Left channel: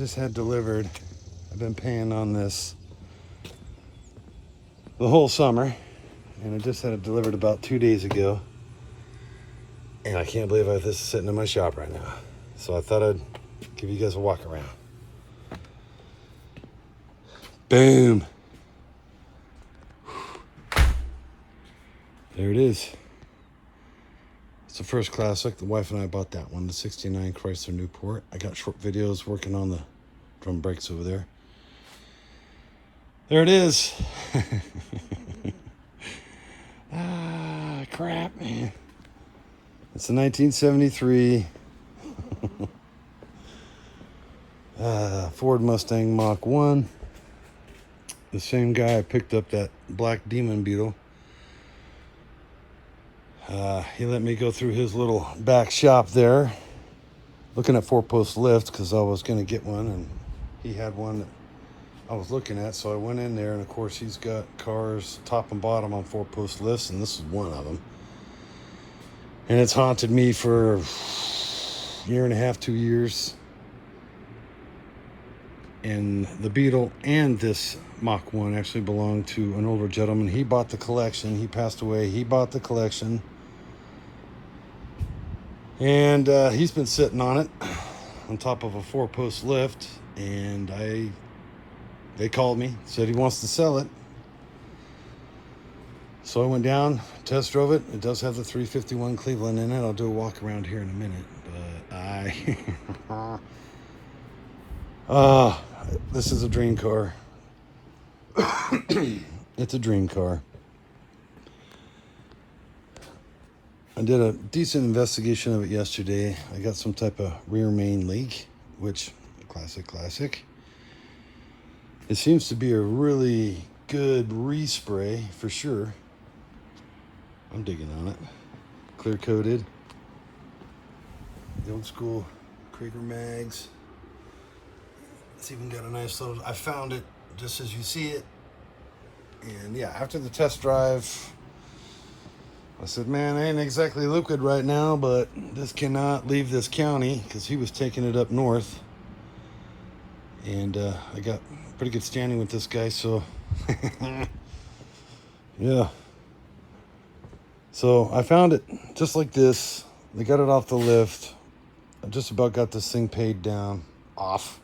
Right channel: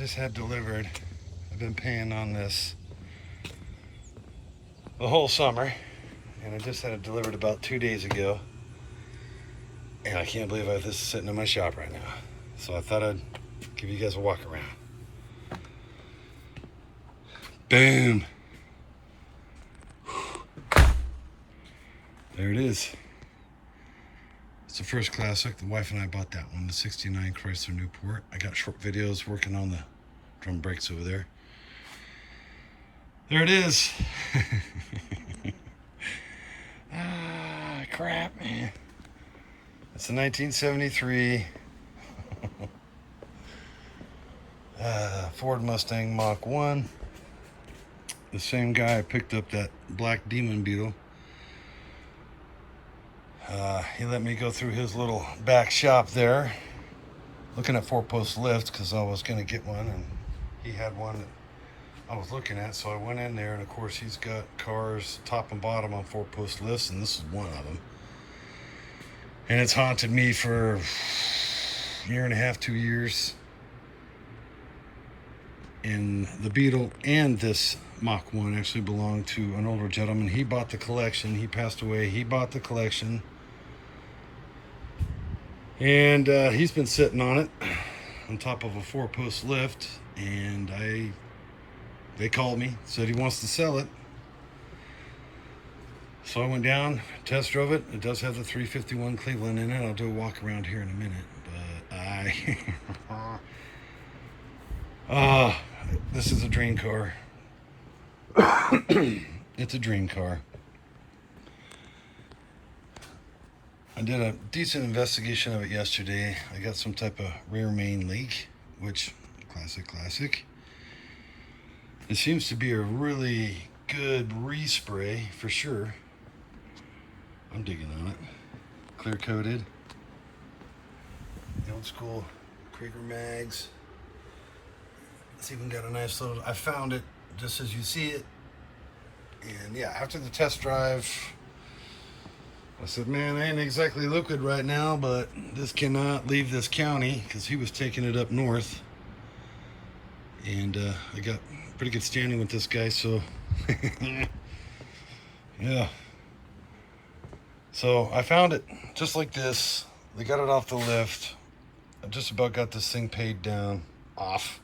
just had delivered. I've been paying on this the whole summer, and I just had it delivered about 2 days ago. And I can't believe this is sitting in my shop right now. So I thought I'd give you guys a walk around. Boom. There it is. It's a first classic. The wife and I bought that one, the 69 Chrysler Newport. I got short videos working on the drum brakes over there. There it is. Ah, crap, man. It's a 1973 Ford Mustang Mach 1. The same guy I picked up that black Demon Beetle. He let me go through his little back shop there, looking at 4-post lift because I was going to get one, and he had one that I was looking at. So I went in there, and of course he's got cars top and bottom on 4-post lifts, and this is one of them. And it's haunted me for a year and a half, 2 years. And the Beetle and this Mach 1 actually belonged to an older gentleman. He bought the collection. He passed away. He bought the collection. And he's been sitting on it on top of a 4-post lift. And they called me, said he wants to sell it. So I went down, test drove it. It does have the 351 Cleveland in it. I'll do a walk around here in a minute. But this is a dream car. It's a dream car. I did a decent investigation of it yesterday. I got some type of rear main leak, which, classic. It seems to be a really good respray for sure. I'm digging on it. Clear coated. The old school Krieger mags. It's even got a nice little, I found it just as you see it. And yeah, after the test drive, I said, man, I ain't exactly liquid right now, but this cannot leave this county, because he was taking it up north. And I got pretty good standing with this guy, so yeah. So I found it just like this. They got it off the lift. I just about got this thing paid down, off.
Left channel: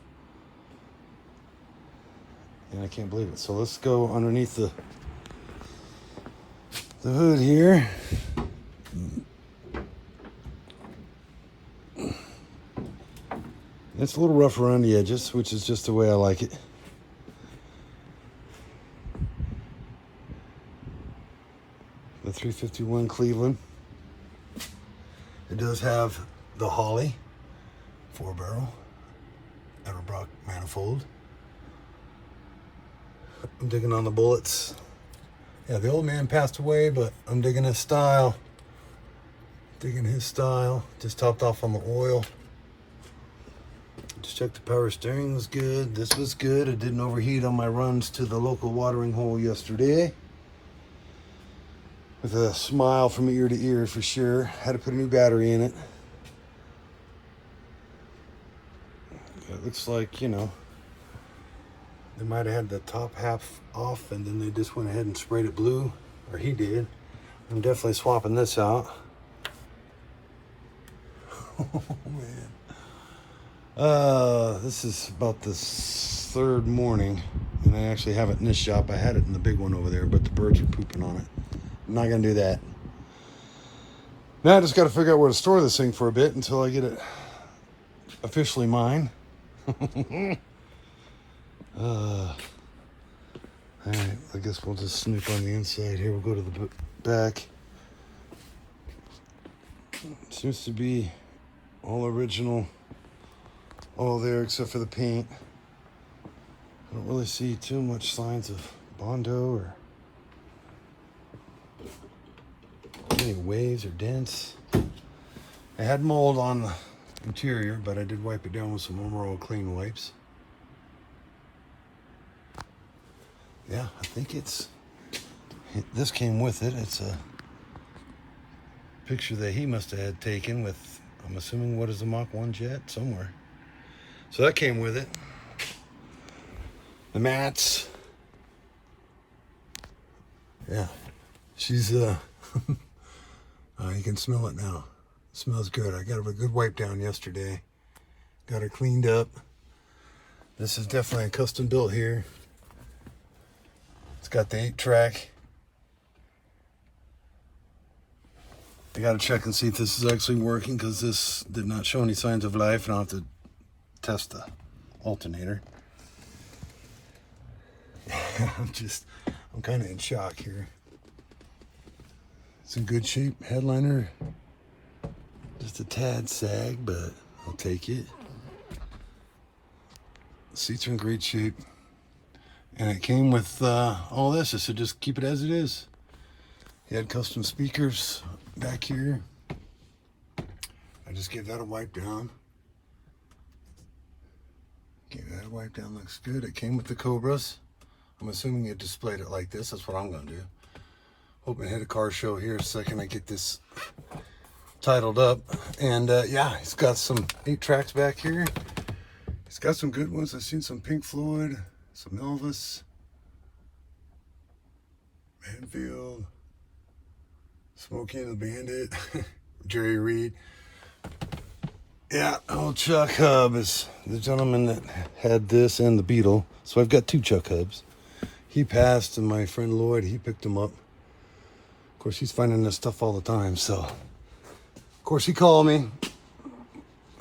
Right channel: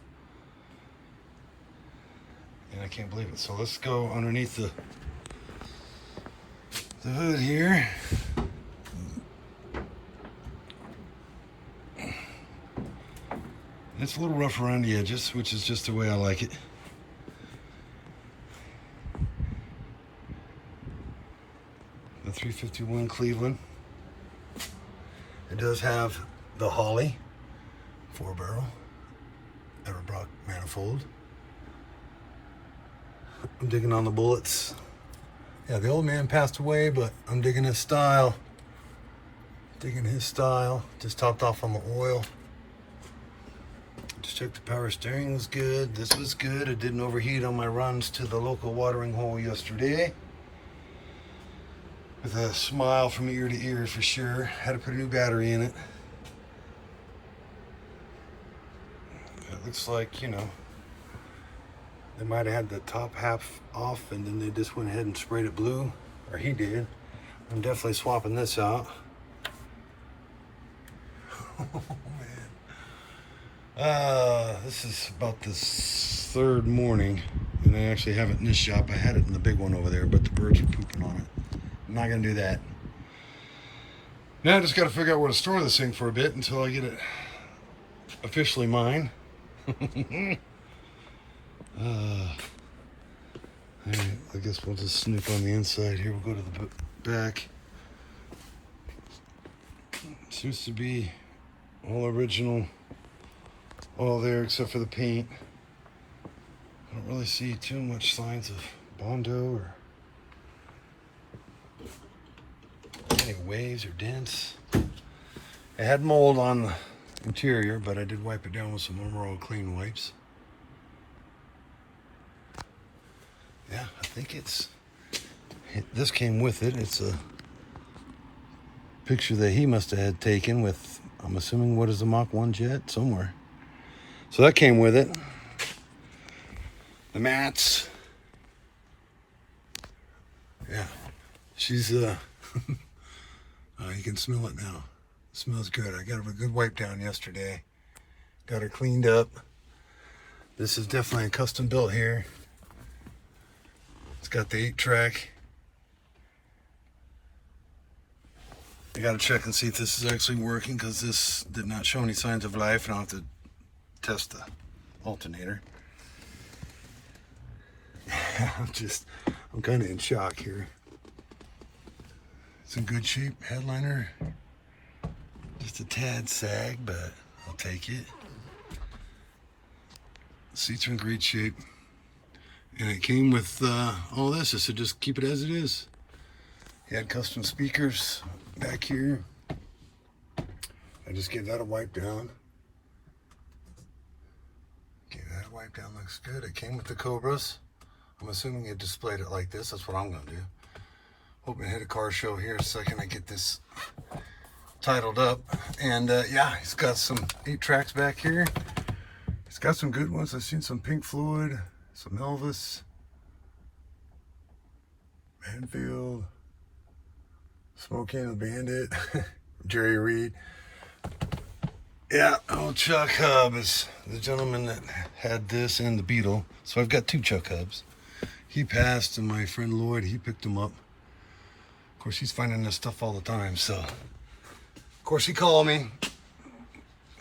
And I can't believe it. So let's go underneath the hood here. It's a little rough around the edges, which is just the way I like it. The 351 Cleveland. It does have the Holly 4-barrel Everbrock manifold. I'm digging on the bullets. Yeah, the old man passed away, but I'm digging his style. Digging his style. Just topped off on the oil. Just checked the power steering was good. This was good. It didn't overheat on my runs to the local watering hole yesterday. With a smile from ear to ear for sure. Had to put a new battery in it. It looks like, you know, they might have had the top half off and then they just went ahead and sprayed it blue, or he did. I'm definitely swapping this out. Oh man. This is about the third morning, and I actually have it in this shop. I had it in the big one over there, but the birds are pooping on it. I'm not gonna do that. Now I just gotta figure out where to store this thing for a bit until I get it officially mine. Alright, I guess we'll just snoop on the inside here. We'll go to the back. Seems to be all original, all there except for the paint. I don't really see too much signs of Bondo or any waves or dents. I had mold on the interior, but I did wipe it down with some Emerald clean wipes. Yeah, I think this came with it. It's a picture that he must have had taken with, I'm assuming, what is the Mach 1 jet? Somewhere. So that came with it. The mats. Yeah, she's you can smell it now. It smells good. I got her a good wipe down yesterday. Got her cleaned up. This is definitely a custom built here. It's got the 8-track. I gotta check and see if this is actually working, because this did not show any signs of life, and I'll have to test the alternator. I'm kind of in shock here. It's in good shape. Headliner, just a tad sag, but I'll take it. The seats are in great shape. And it came with all this. I said just keep it as it is. He had custom speakers back here. I just gave that a wipe down. Gave that a wipe down, looks good. It came with the Cobras. I'm assuming you displayed it like this. That's what I'm gonna do. Hoping to hit a car show here in a second. I get this titled up. And yeah, it's got some 8 tracks back here. It's got some good ones. I've seen some Pink Floyd, some Elvis, Manfield, Smokey and the Bandit, Jerry Reed. Yeah, old Chuck Hub is the gentleman that had this and the Beetle. So I've got 2 Chuck Hubs. He passed, and my friend Lloyd, he picked him up. Of course, he's finding this stuff all the time, so. Of course, he called me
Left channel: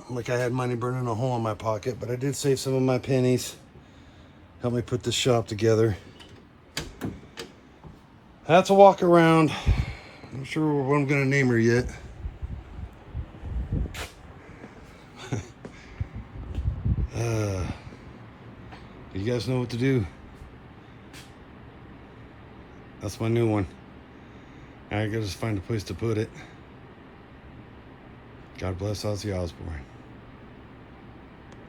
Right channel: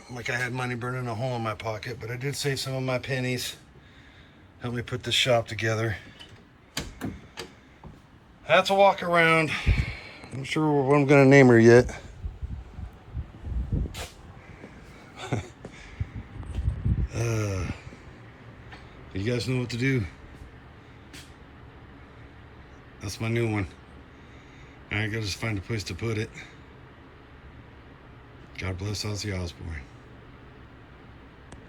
like I had money burning a hole in my pocket, but I did save some of my pennies. Help me put this shop together. Had to walk around. I'm not sure what I'm gonna name her yet. You guys know what to do. That's my new one. I gotta just find a place to put it. God bless Ozzy Osbourne.